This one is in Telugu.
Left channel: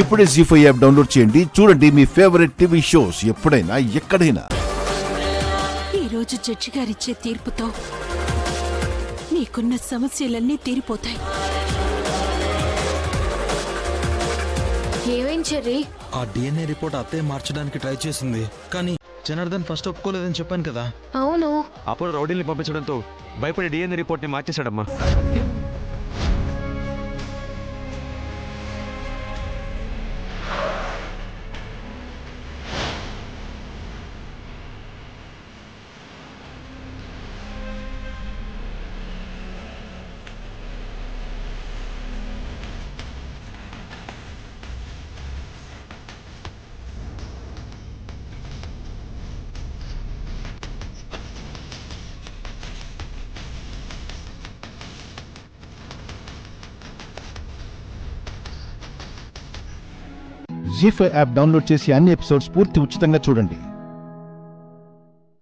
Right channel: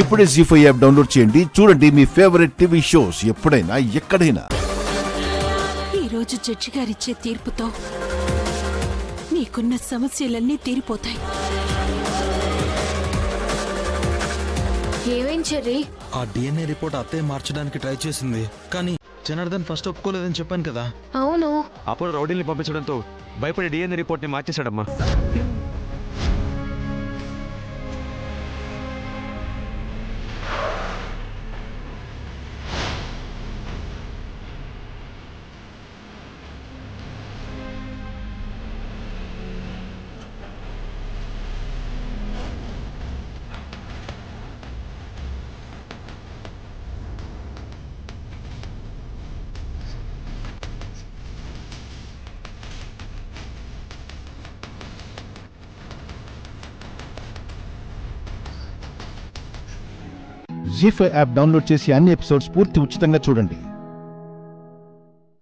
ఇప్పుడే జీ5 యాప్ డౌన్లోడ్ చేయండి. చూడండి మీ ఫేవరెట్ టీవీ షోస్ ఎప్పుడైనా ఎక్కడైనా. ఈ రోజు జడ్జి గారిచ్చే తీర్పుతో నీకున్న సమస్యలన్నీ తీరిపోతాయి. ఏమైంది చెర్రీ? ఆ డిఎన్ఏ రిపోర్ట్ అత్తయ్య మార్చడానికి ట్రై చేసింది, కానీ జనార్దన్ ఫస్ట్ ఒప్పుకోలేదని చెప్పాను కదా. అవును, అప్పుడు రౌడీల్ని పంపించడంతో భయపడి డిఎన్ఏ రిపోర్ట్ని మార్చేశాడమ్మా. జీ5 యాప్ డౌన్లోడ్ చేసి అన్ని ఎపిసోడ్స్ పూర్తి ఉచితంగా చూడండి.